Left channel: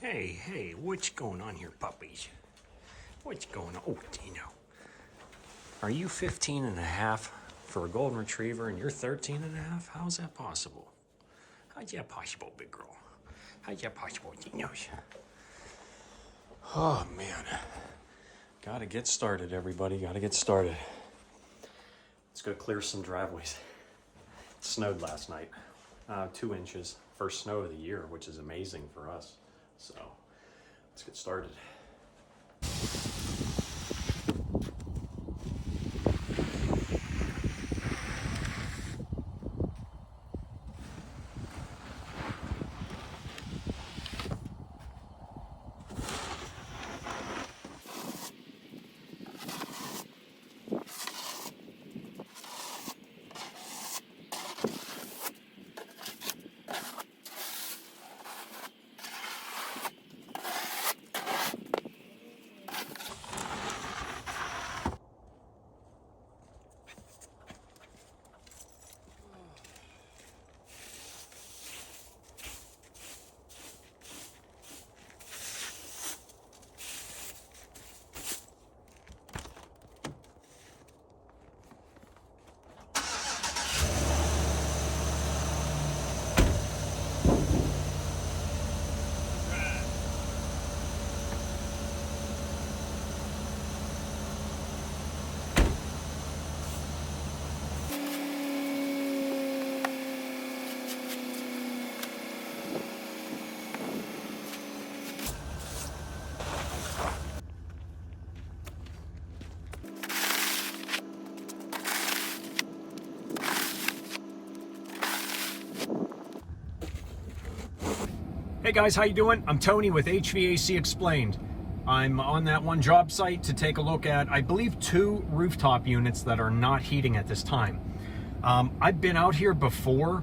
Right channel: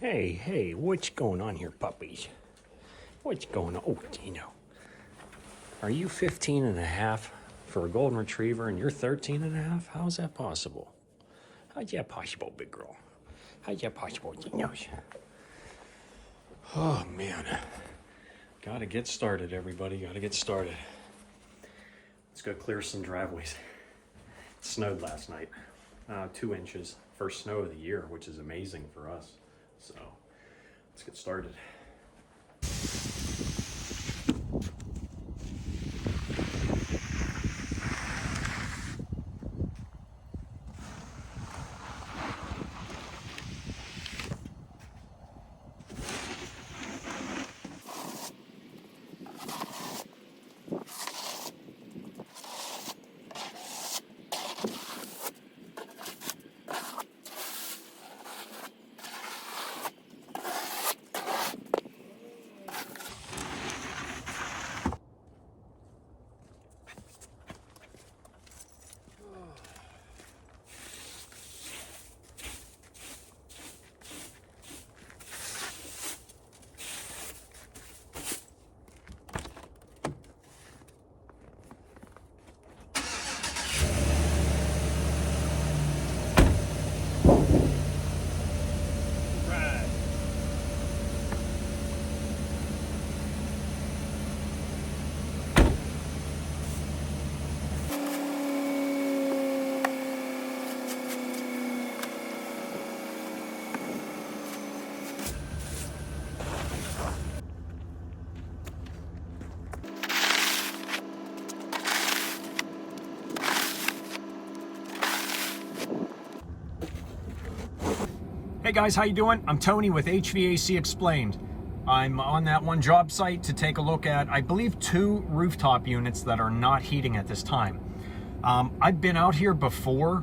Hey, what's going on here, puppies? What's going on? Oh, Dino. Are you 15 and a half for a golden retriever and you're 13 and a half? How's that possible? How's that possible, big girl? How's that possible, Dino? Oh, man. Gotta get started, everybody. Gotta get started. Let's go clear some driveways. It snowed last night. 2 inches. First snow of the year, which is amazing for us. So, let's get started. Hey guys, how you doing? I'm Tony with HVAC Explained. I'm on that one job site to take a look at, I believe, 2 rooftop units that are not heating at this time. I've been out here before,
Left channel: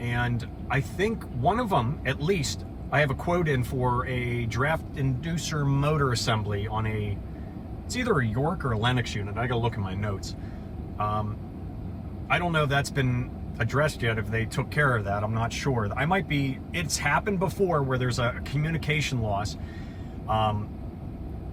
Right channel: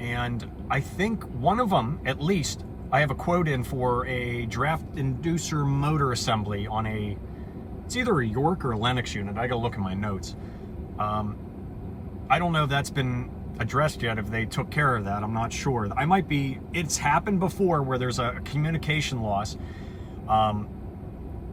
and I think one of them, at least, I have a quote in for a draft inducer motor assembly on it's either a York or a Lennox unit. I gotta look at my notes. I don't know if that's been addressed yet, if they took care of that. I'm not sure. It's happened before where there's a communication loss,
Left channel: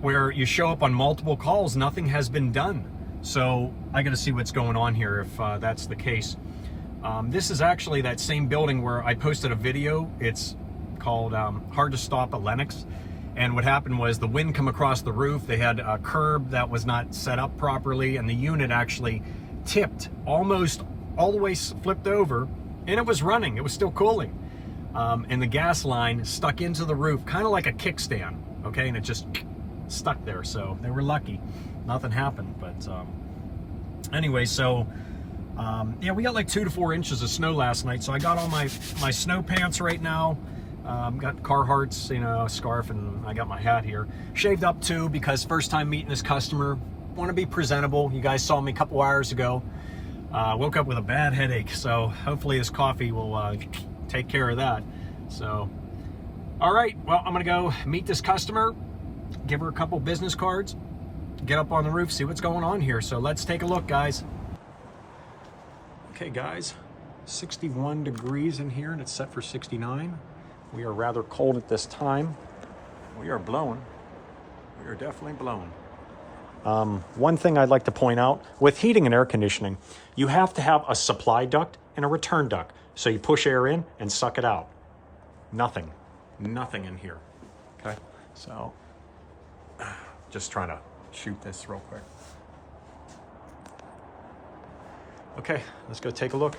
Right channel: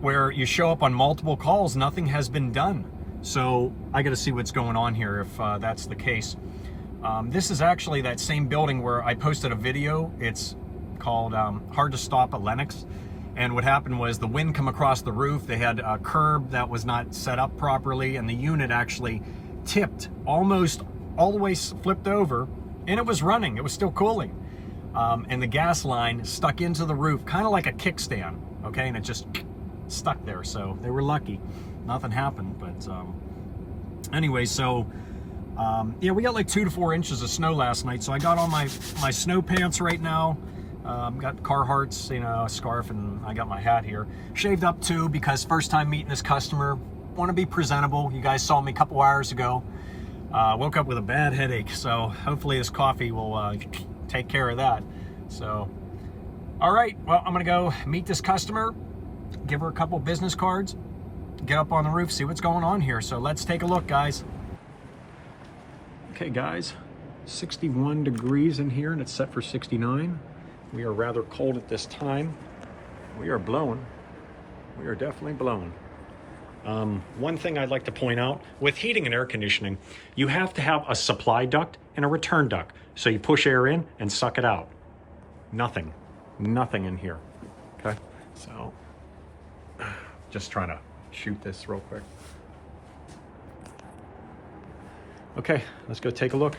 where you show up on multiple calls, nothing has been done. So I got to see what's going on here if that's the case. This is actually that same building where I posted a video. It's called Hard to Stop at Lennox. And what happened was the wind come across the roof. They had a curb that was not set up properly, and the unit actually tipped almost all the way, flipped over, and it was running. It was still cooling. And the gas line stuck into the roof, kind of like a kickstand, okay? And it just stuck there, so they were lucky. Nothing happened, but anyway, so yeah, we got like 2 to 4 inches of snow last night, so I got on my snow pants right now. Got Carhartt's, a scarf, and I got my hat here. Shaved up too, because first time meeting this customer, want to be presentable. You guys saw me a couple hours ago. Woke up with a bad headache, so hopefully this coffee will take care of that. So, all right, well, I'm gonna go meet this customer, give her a couple business cards, get up on the roof, see what's going on here. So let's take a look, guys. Okay, guys, 61 degrees in here, and it's set for 69. We are rather cold at this time. We are blowing. We are definitely blowing. One thing I'd like to point out, with heating and air conditioning, you have to have a supply duct and a return duct. So you push air in and suck it out. Nothing in here, okay? So, just trying to shoot this real quick. Okay, let's go take a look.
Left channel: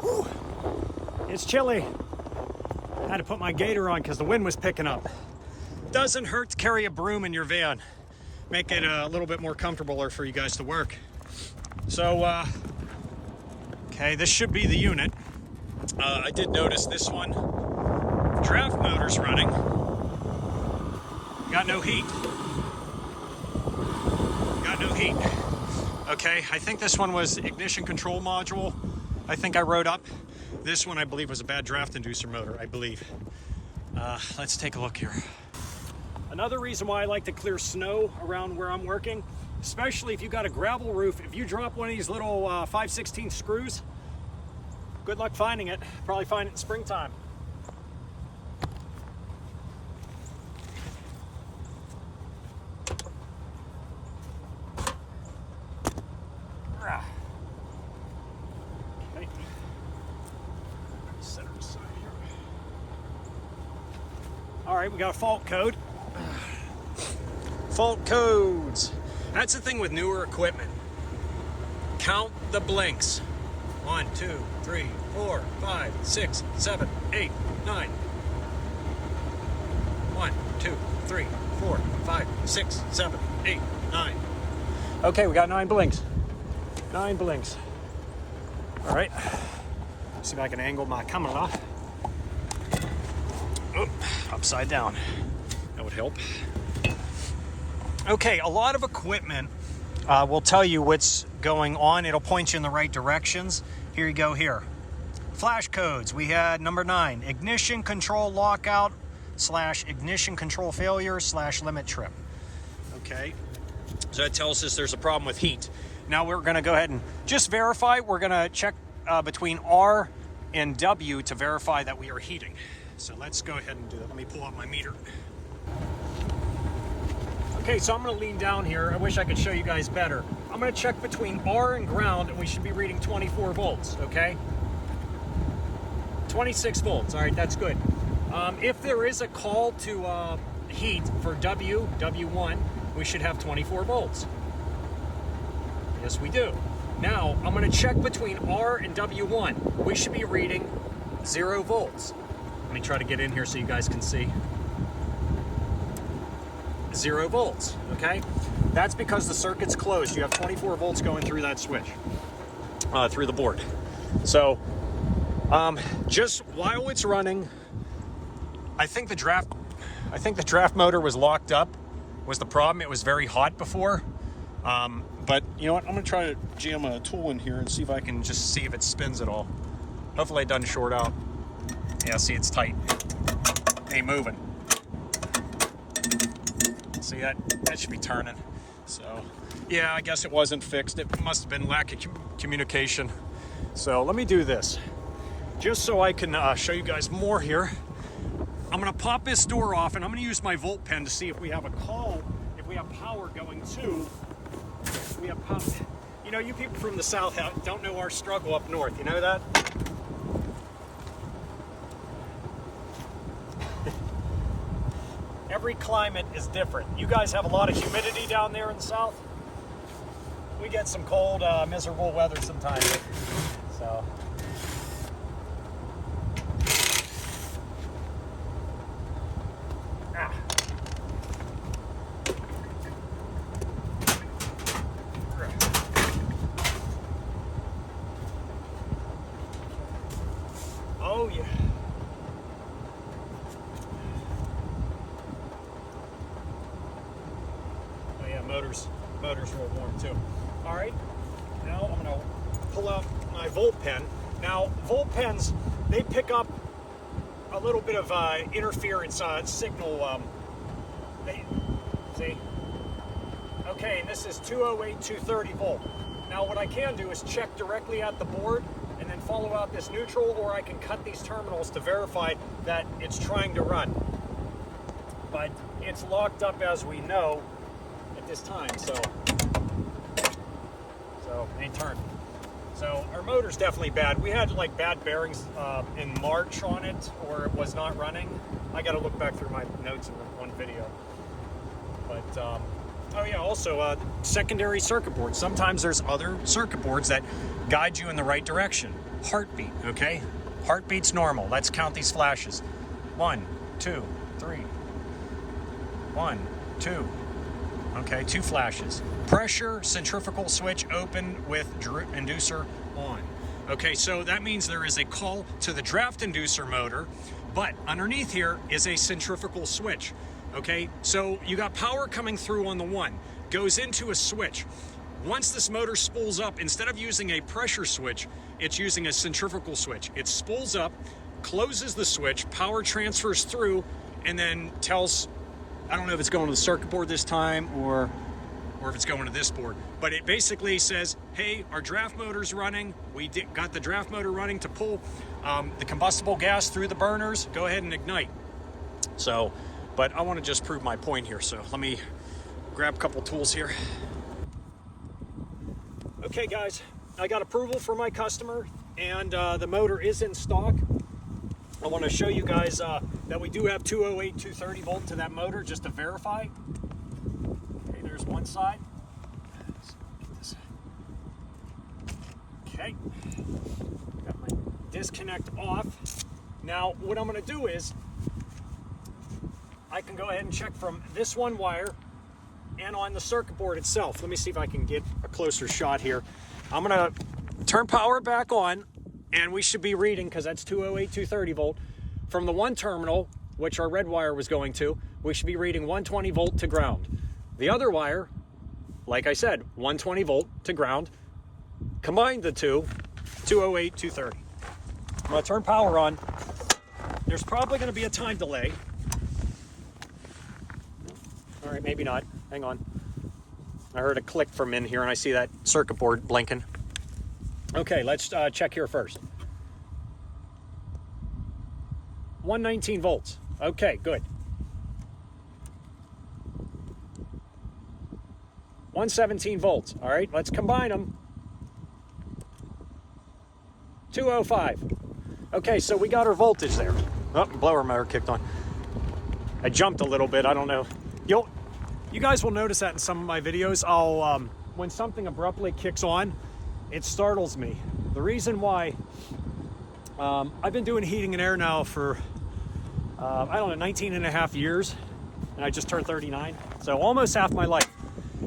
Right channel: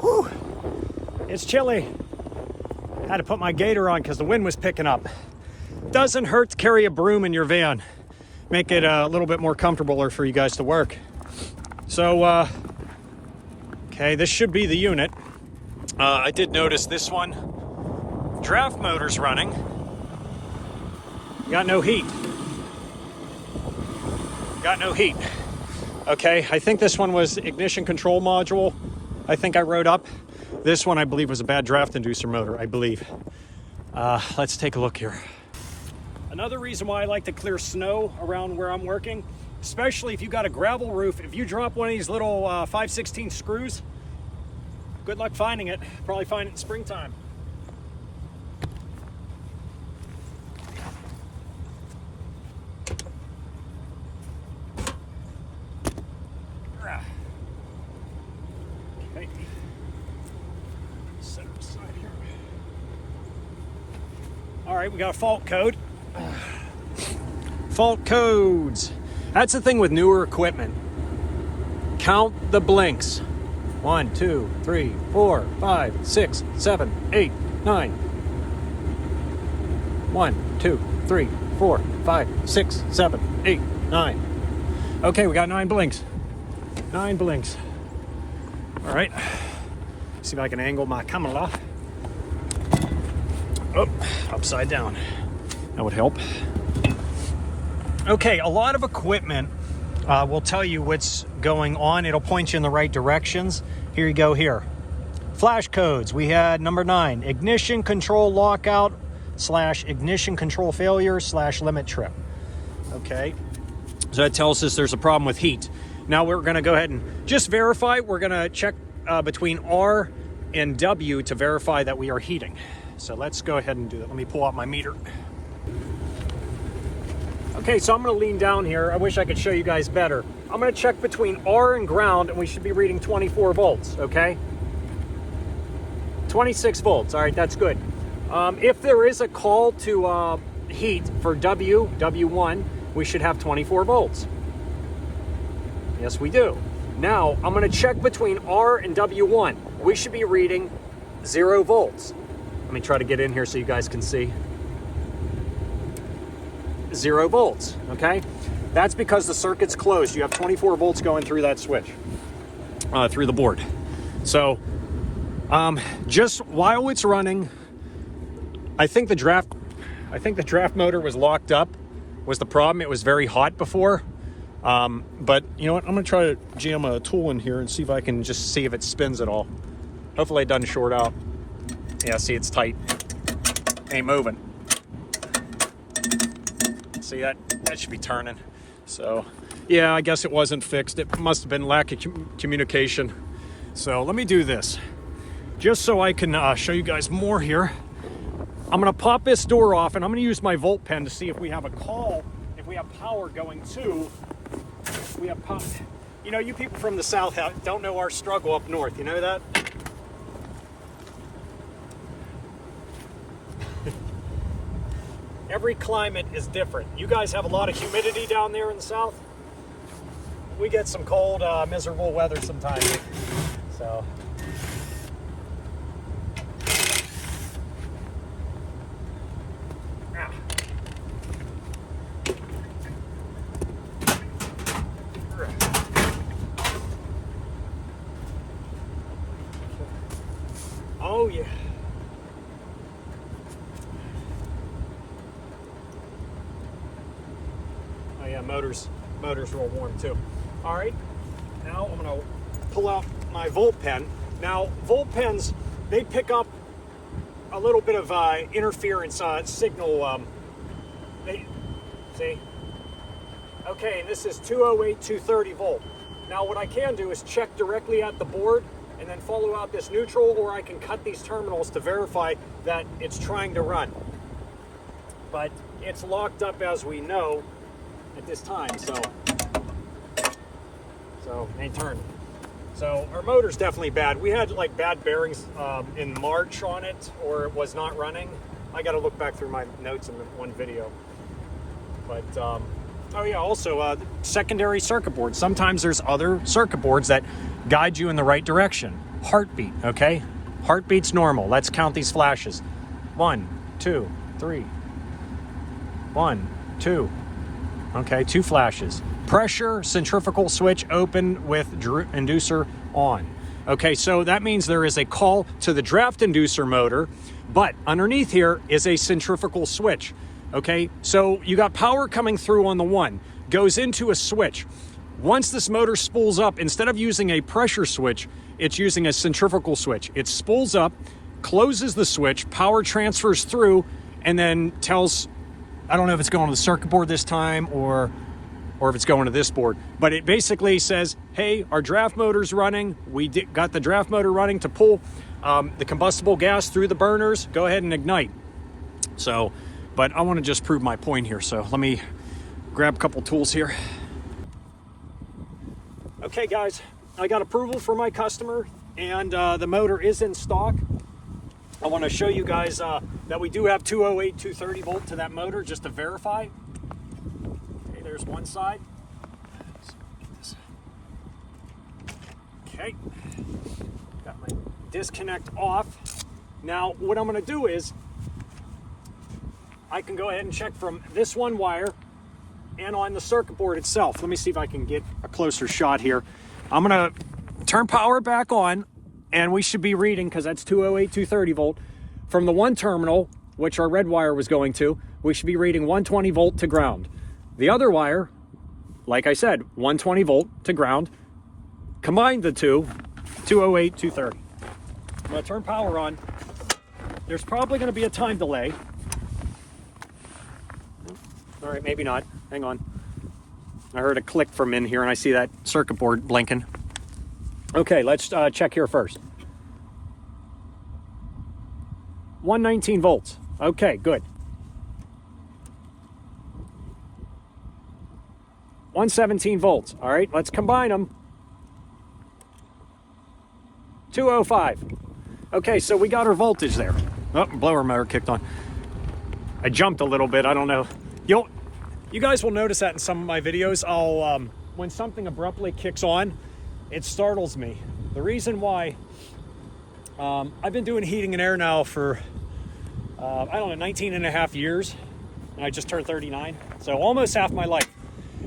Whew. It's chilly. Had to put my gaiter on because the wind was picking up. Doesn't hurt to carry a broom in your van. Make it a little bit more comfortable for you guys to work. So, okay, this should be the unit. I did notice this one. Draft motor's running. Got no heat. Got no heat. Okay, I think this one was ignition control module. I think I wrote up. This one I believe was a bad draft inducer motor, I believe. Let's take a look here. Another reason why I like to clear snow around where I'm working, especially if you got a gravel roof, if you drop one of these little 5/16 screws, good luck finding it. Probably find it in springtime. Okay. Set her aside here. All right, we got a fault code. Fault codes. That's the thing with newer equipment. Count the blinks. 1, 2, 3, 4, 5, 6, 7, 8, 9. 1, 2, 3, 4, 5, 6, 7, 8, 9. Okay, we got 9 blinks. 9 blinks. All right. See if I can angle my camera off. Oh, upside down. That would help. Okay, a lot of equipment will tell you what's going on. It'll point you in the right directions. Here you go here. Flash codes. We had number 9, ignition control lockout / ignition control failure / limit trip. Okay, so that tells us there's a problem with heat. Now we're gonna go ahead and just verify. We're gonna check between R and W to verify that we are heating. So let's go ahead and do it. Let me pull out my meter. Okay, so I'm gonna lean down here. I wish I could show you guys better. I'm gonna check between R and ground, and we should be reading 24 volts, okay? 26 volts, all right, that's good. If there is a call to heat for W1, we should have 24 volts. Yes, we do. Now, I'm gonna check between R and W1. We should be reading 0 volts. Let me try to get in here so you guys can see. 0 volts, okay? That's because the circuit's closed. You have 24 volts going through that switch, through the board. So, just while it's running, I think the draft motor was locked up, was the problem. It was very hot before. But you know what? I'm gonna try to jam a tool in here and see if I can just see if it spins at all. Hopefully it doesn't short out. Yeah, see, it's tight. Ain't moving. See, that should be turning. So, yeah, I guess it wasn't fixed. It must have been lack of communication. So let me do this. Just so I can show you guys more here. I'm gonna pop this door off and I'm gonna use my volt pen to see if we have a call, if we have power going to, we have power. You know, you people from the south don't know our struggle up north, you know that? Every climate is different. You guys have a lot of humidity down there in the south. We get some cold, miserable weather sometimes. So. Ah. Oh yeah. Oh yeah, motor's real warm too. All right, now I'm gonna pull out my volt pen. Now, volt pens, they pick up a little bit of interference signal. See? Okay, and this is 208, 230 volt. Now what I can do is check directly at the board and then follow out this neutral, or I can cut these terminals to verify that it's trying to run. But it's locked up, as we know, at this time, so it ain't turning. So our motor's definitely bad. We had like bad bearings in March on it, or it was not running. I got to look back through my notes in the one video. But oh yeah, also secondary circuit boards. Sometimes there's other circuit boards that guide you in the right direction. Heartbeat, okay? Heartbeat's normal. Let's count these flashes. 1, 2, 3. 1, 2. Okay, 2 flashes. Pressure, centrifugal switch open with inducer on. Okay, so that means there is a call to the draft inducer motor, but underneath here is a centrifugal switch. Okay, so you got power coming through on the one, goes into a switch. Once this motor spools up, instead of using a pressure switch, it's using a centrifugal switch. It spools up, closes the switch, power transfers through, and then tells, I don't know if it's going to the circuit board this time or if it's going to this board, but it basically says, hey, our draft motor's running. We got the draft motor running to pull the combustible gas through the burners. Go ahead and ignite. So, but I want to just prove my point here. So let me grab a couple tools here. Okay, guys, I got approval from my customer, and the motor is in stock. I want to show you guys that we do have 208, 230 volt to that motor, just to verify. Okay, there's one side. Okay, got my disconnect off. Now, what I'm going to do is I can go ahead and check from this one wire and on the circuit board itself. Let me see if I can get a closer shot here. I'm going to turn power back on, and we should be reading, because that's 208, 230 volt. From the one terminal, which our red wire was going to, we should be reading 120 volt to ground. The other wire, like I said, 120 volt to ground. Combine the two, 208, 230. I'm going to turn power on. There's probably going to be a time delay. All right, maybe not. Hang on. I heard a click from in here, and I see that circuit board blinking. Okay, let's check here first. 119 volts. Okay, good. 117 volts. All right, let's combine them. 205. Okay, so we got our voltage there. Oh, blower motor kicked on. I jumped a little bit. I don't know. You guys will notice that in some of my videos. When something abruptly kicks on, it startles me. The reason why, I've been doing heating and air now for, I don't know, 19 and a half years. And I just turned 39, so almost half my life.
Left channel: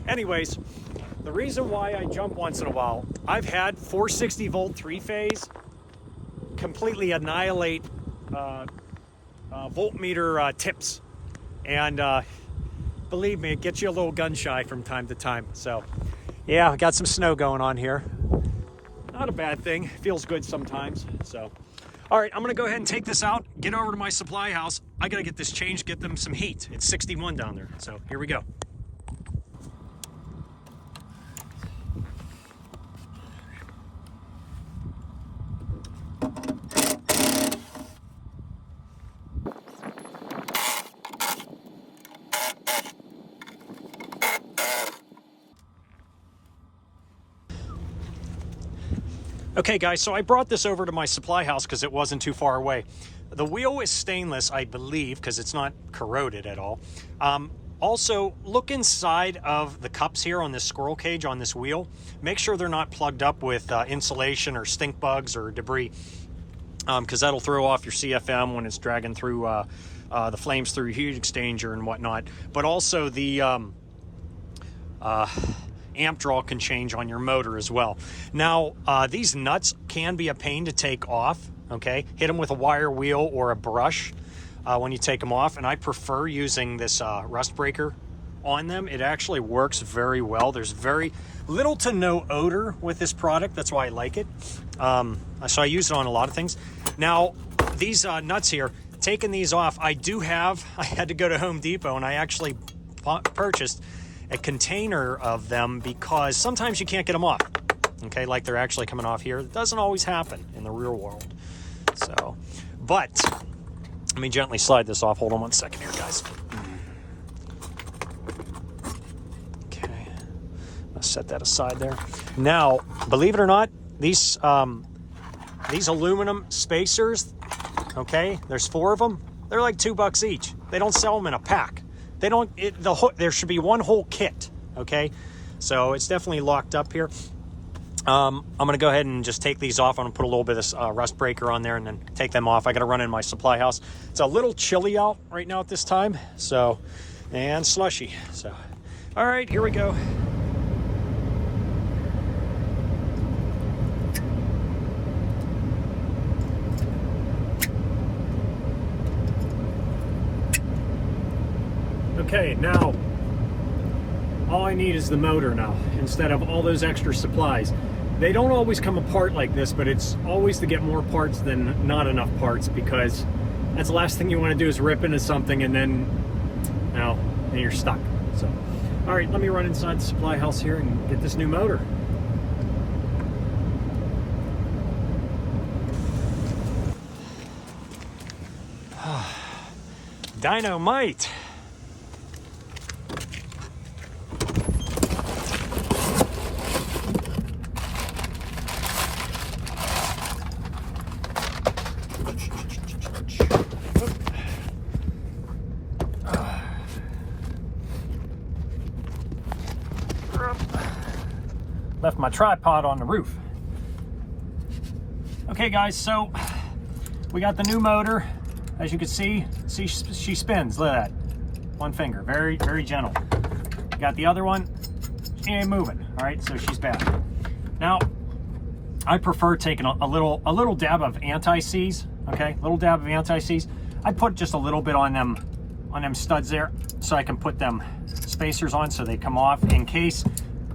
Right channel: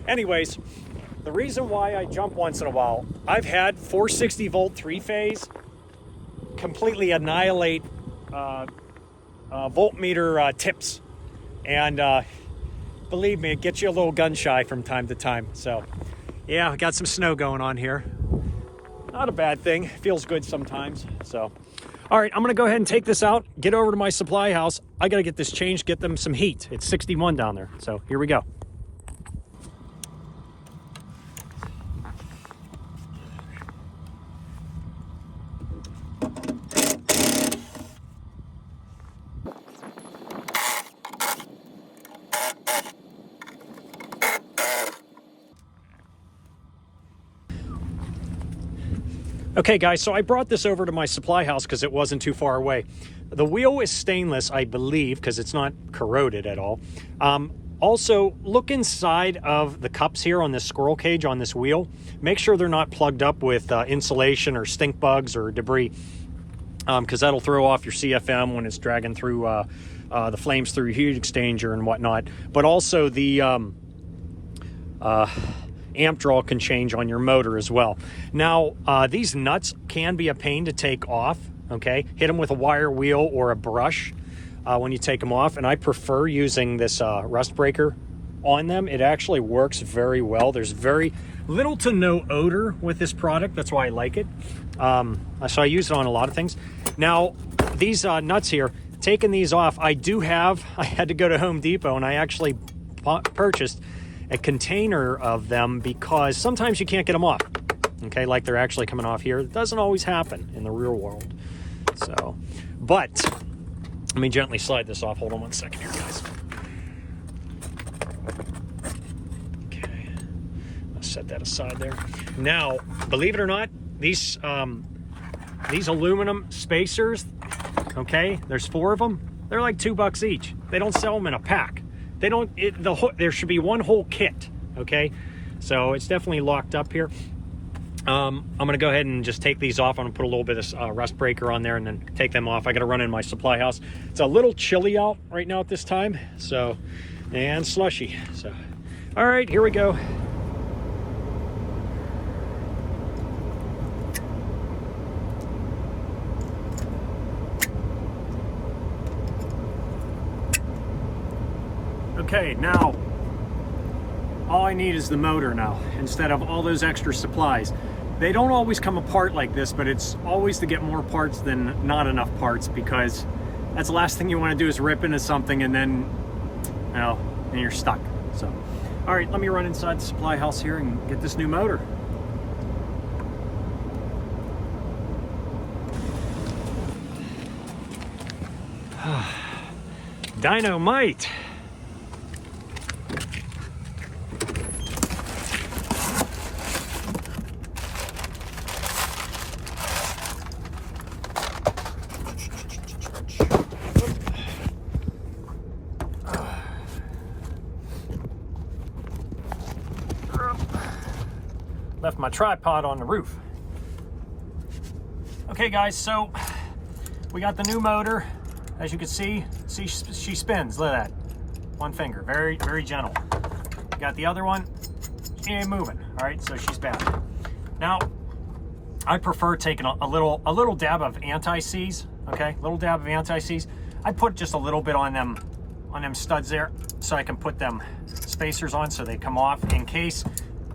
Anyways, the reason why I jump once in a while, I've had 460 volt 3-phase completely annihilate voltmeter tips. And believe me, it gets you a little gun shy from time to time. So yeah, I got some snow going on here. Not a bad thing. Feels good sometimes. So, all right, I'm gonna go ahead and take this out, get over to my supply house. I gotta get this changed, get them some heat. It's 61 down there. So here we go. Okay guys, so I brought this over to my supply house because it wasn't too far away. The wheel is stainless, I believe, because it's not corroded at all. Also, look inside of the cups here on this squirrel cage on this wheel. Make sure they're not plugged up with insulation or stink bugs or debris, because that'll throw off your CFM when it's dragging through the flames through your heat exchanger and whatnot. But also the amp draw can change on your motor as well. Now, these nuts can be a pain to take off, okay? Hit them with a wire wheel or a brush when you take them off, and I prefer using this rust breaker on them. It actually works very well. There's very little to no odor with this product. That's why I like it. So I use it on a lot of things. Now, these nuts here, taking these off, I had to go to Home Depot, and I actually purchased a container of them because sometimes you can't get them off, okay, like they're actually coming off here. It doesn't always happen in the real world. So, but let me gently slide this off. Hold on one second here, guys. Okay, I'll set that aside there. Now, believe it or not, these aluminum spacers, okay, there's 4 of them. They're like $2 each. They don't sell them in a pack. They don't, there should be one whole kit, okay? So it's definitely locked up here. I'm going to go ahead and just take these off. I'm going to put a little bit of rust breaker on there and then take them off. I got to run in my supply house. It's a little chilly out right now at this time, so, and slushy. So, all right, here we go. Okay, now all I need is the motor now, instead of all those extra supplies. They don't always come apart like this, but it's always to get more parts than not enough parts, because that's the last thing you want to do is rip into something and then, well, then you're stuck. So, all right, let me run inside the supply house here and get this new motor. Dynamite. Left my tripod on the roof. Okay guys, so we got the new motor. As you can see she spins. Look at that. One finger, very, very gentle. Got the other one, and moving. All right, so she's back. Now, I prefer taking a little dab of anti-seize. Okay, little dab of anti-seize. I put just a little bit on them studs there, so I can put them spacers on so they come off in case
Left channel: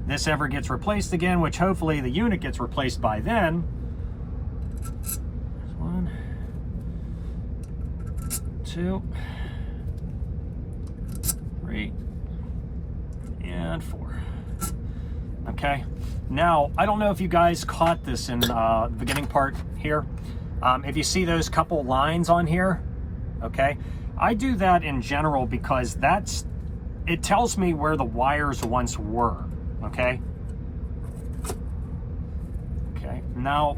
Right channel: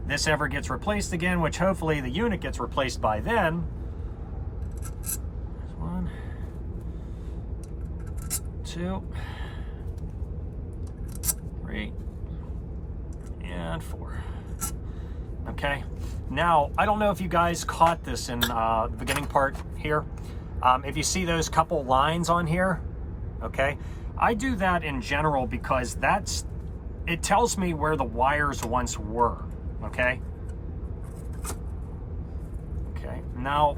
this ever gets replaced again, which hopefully the unit gets replaced by then. 1, 2, 3, and 4. Okay, now I don't know if you guys caught this in the beginning part here. If you see those couple lines on here, okay, I do that in general because it tells me where the wires once were. Okay. Okay. Now,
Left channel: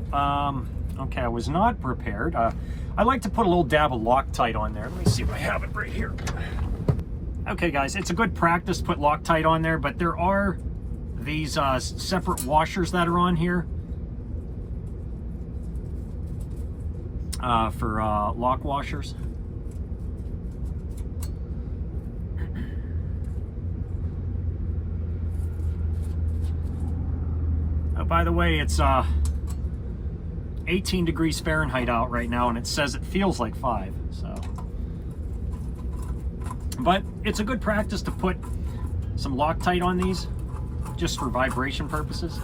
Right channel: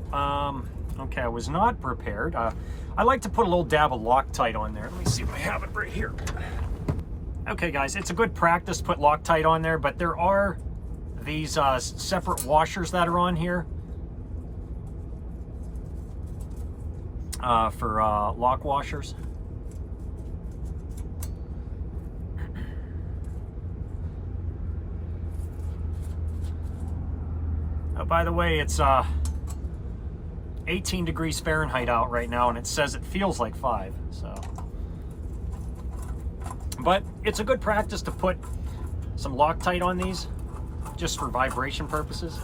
okay, I was not prepared. I like to put a little dab of Loctite on there. Let me see if I have it right here. Okay, guys, it's a good practice to put Loctite on there, but there are these separate washers that are on here for lock washers. Oh, by the way, it's 18 degrees Fahrenheit out right now, and it says it feels like 5. So, but it's a good practice to put some Loctite on these, just for vibration purposes.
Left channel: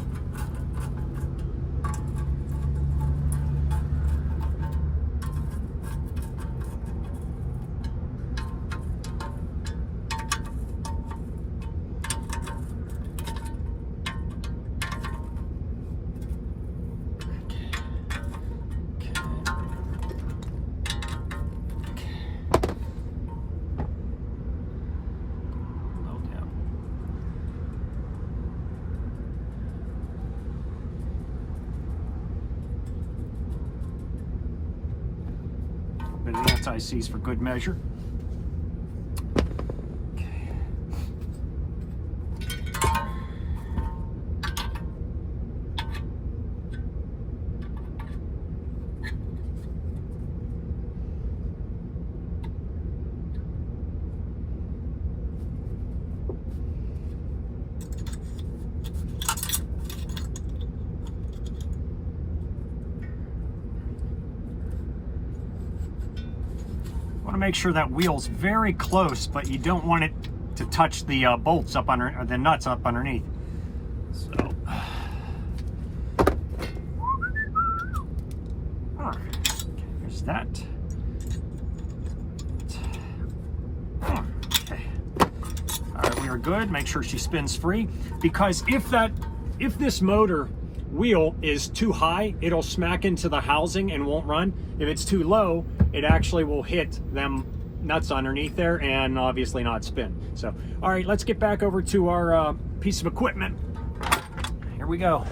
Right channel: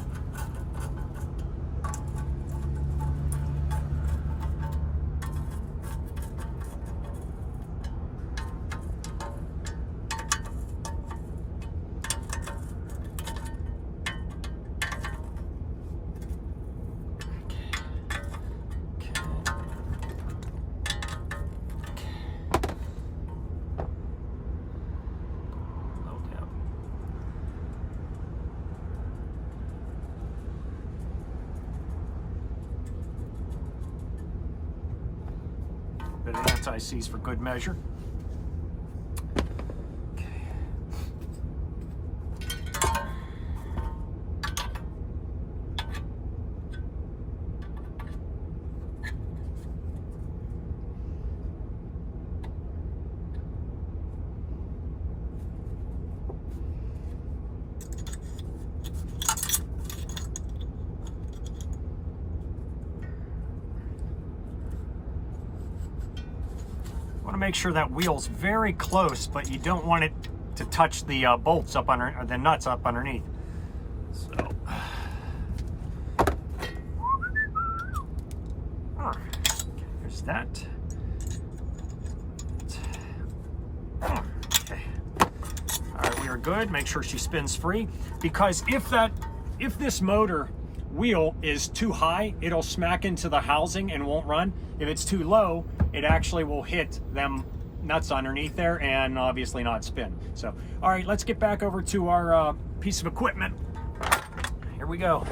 Bit of anti-seize for good measure. Okay. Want to make sure that wheel's very close, but you don't want it to touch the bolts up under, or the nuts up underneath. So, okay, there's that. Okay, all right, we are good. Make sure she spins free, because if this motor wheel is too high, it'll smack into the housing and won't run. If it's too low, it actually will hit them nuts underneath there and obviously not spin. So, all right, let's get back over to our piece of equipment. Here we go.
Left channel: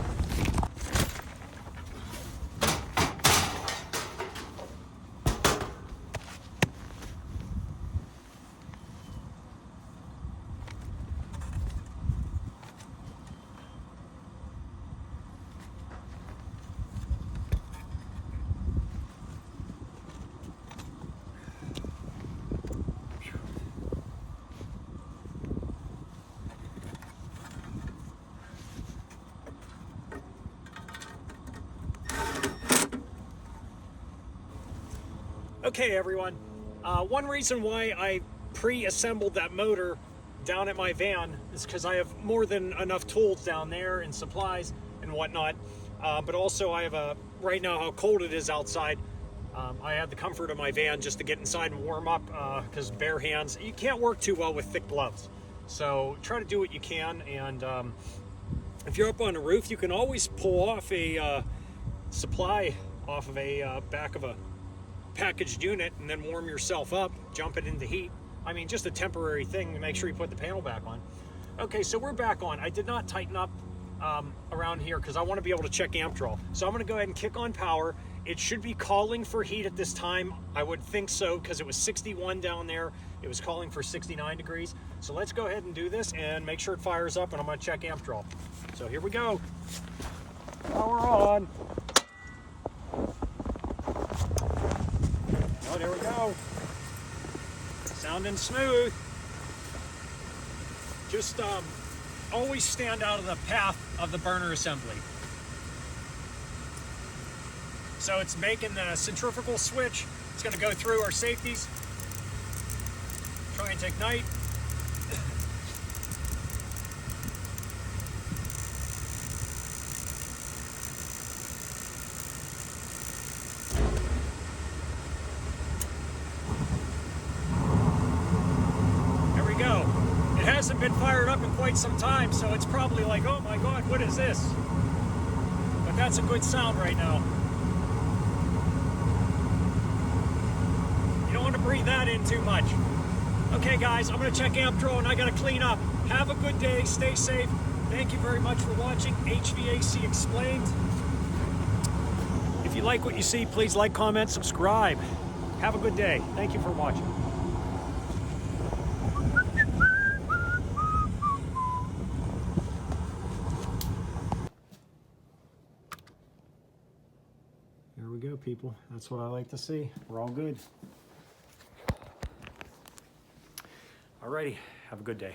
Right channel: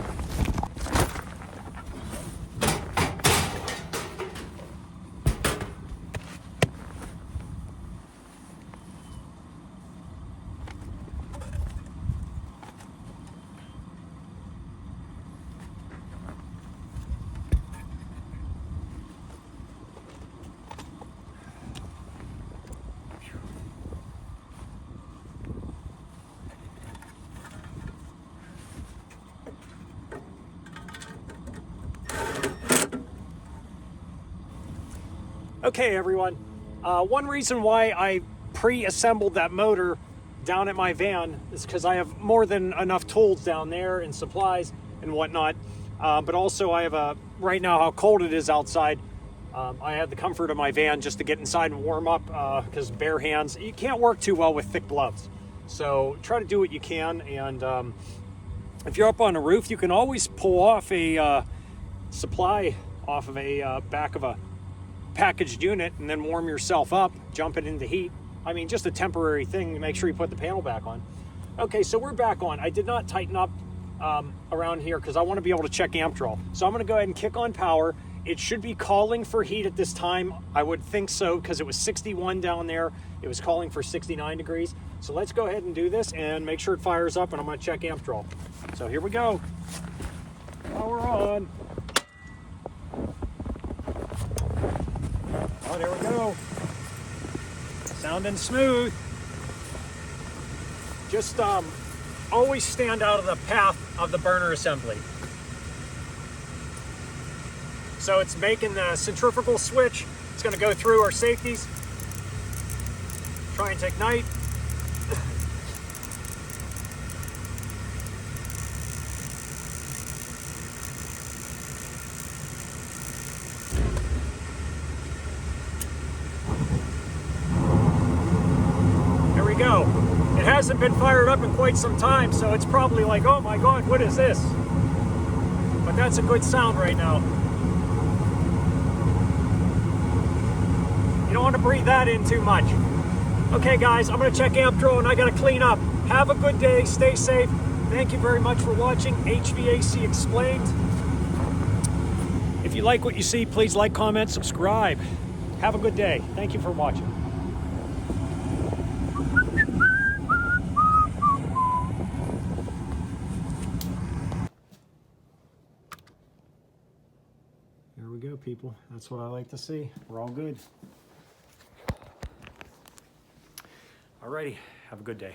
Okay, everyone. One reason why I pre-assembled that motor down at my van is because I have more than enough tools down there and supplies and whatnot. But also I have right now how cold it is outside. I have the comfort of my van just to get inside and warm up because bare hands, you can't work too well with thick gloves. So try to do what you can. And if you're up on a roof, you can always pull off a supply off of a back of a packaged unit and then warm yourself up, jump it into heat. I mean, just a temporary thing to make sure you put the panel back on. Okay, so we're back on. I did not tighten up around here because I want to be able to check amp draw. So I'm going to go ahead and kick on power. It should be calling for heat at this time. I would think so because it was 61 down there. It was calling for 69 degrees. So let's go ahead and do this and make sure it fires up, and I'm going to check amp draw. So here we go. Power on. Oh, there we go. Sounding smooth. Just always stand out of the path of the burner assembly. So it's making the centrifugal switch. It's going to go through our safeties. Trying to ignite. Go. It hasn't been fired up in quite some time, so it's probably like, oh my god, what is this? But that's a good sound right now. You don't want to breathe that in too much. Okay guys, I'm going to check amp draw and I got to clean up. Have a good day, stay safe. Thank you very much for watching HVAC Explained. If you like what you see, please like, comment, subscribe. Have a good day. Thank you for watching. There we go, people. That's what I like to see. We're all good. Alrighty, have a good day.